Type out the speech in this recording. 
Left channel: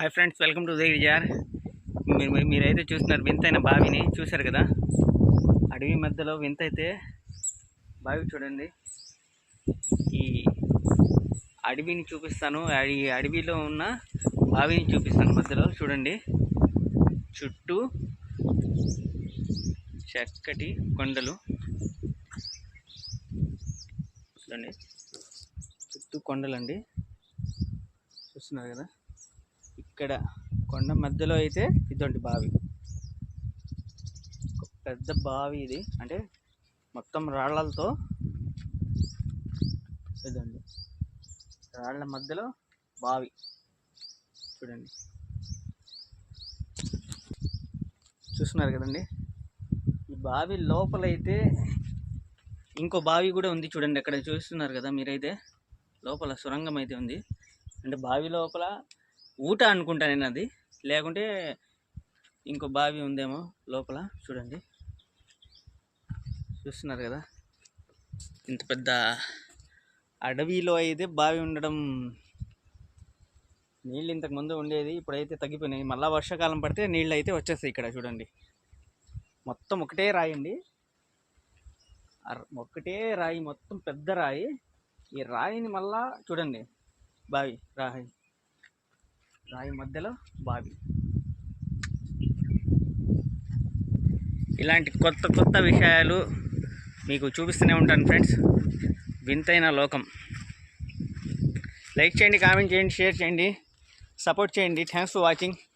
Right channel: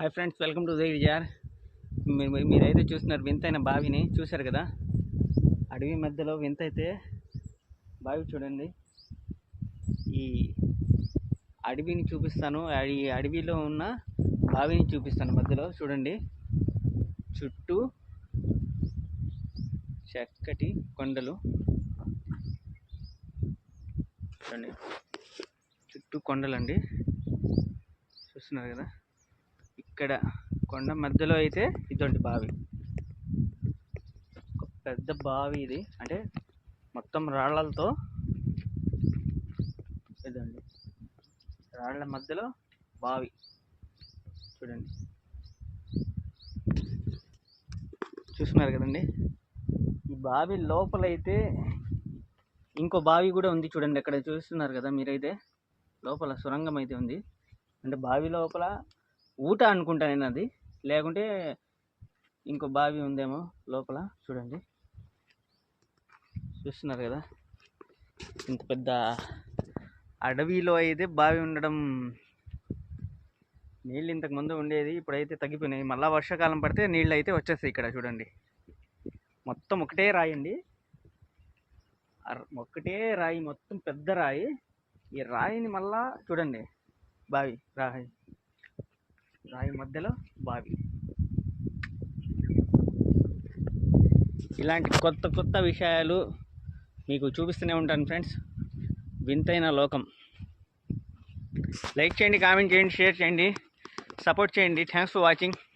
Hi friends welcome to Uday విజయార్ మీరు మీరు- మీరైతే చూస్తున్నారు వింతైన బావిని చూశారు కదా? అడవి మధ్యలో వింత అయితే బావి చూడండి. ఈ అడవిని చూపిస్తాను. ఈ అడవిలో ఉన్న బావిని చూపిస్తాను మధ్యలో చూడండి. చుట్టూ చక్కటి కొండలు. చూడండి. చుట్టూ కొండలండి. చూస్తున్నారు కదా? ఇక్కడ కొండ మధ్యలో అయితే ఇటువంటి బావి. ఒక పెద్ద బావి ఇది. అంటే మొత్తం రాళ్ళతో ఇదండి. రాళ్ళ మధ్యలో బావి. చూడండి. చూస్తున్నారు కదండి? ఈ బావి లోపలైతే ఇంకో బావి కూడా ఉంది చూడండి. అక్కడ చూస్తున్నారు కదా మీరైతే? లోపల సొరంగం అయితే ఉంది. అంటే బావి లోపల ఊట అనుకుంటా నేను అది. లేకుంటే ఇంకో బావి ఉందేమో లోపల. చూడండి. చూస్తున్నారు కదా? ఇంత పెద్ద అడవిలో అయితే బావి ఉండడం నీళ్ళు ఇంతకు ముందు ఉండేది ఇప్పుడైతే తగ్గిపోయినాయి. మళ్ళీ వర్షాకాలం పడితే నీళ్ళు అయితే వచ్చేస్తాయి ఇక్కడ చూడండి. మొత్తం ఒకటే రాయి అండి. ఒకటే రాయి మొత్తం పెద్ద రాయి. ఈ రాయిని మళ్ళా చూడండి. బావి రాయి. రాయి మధ్యలో బావి. ఇలాంటి కొత్త కొత్త విషయాలు మీకు చూపిస్తూనే ఉంటాను ఫ్రెండ్స్. వింతైన లోకం. లైక్ చేయండి కామెంట్ చేయండి షేర్ చేయండి సపోర్ట్ చేయండి. Thanks for watching.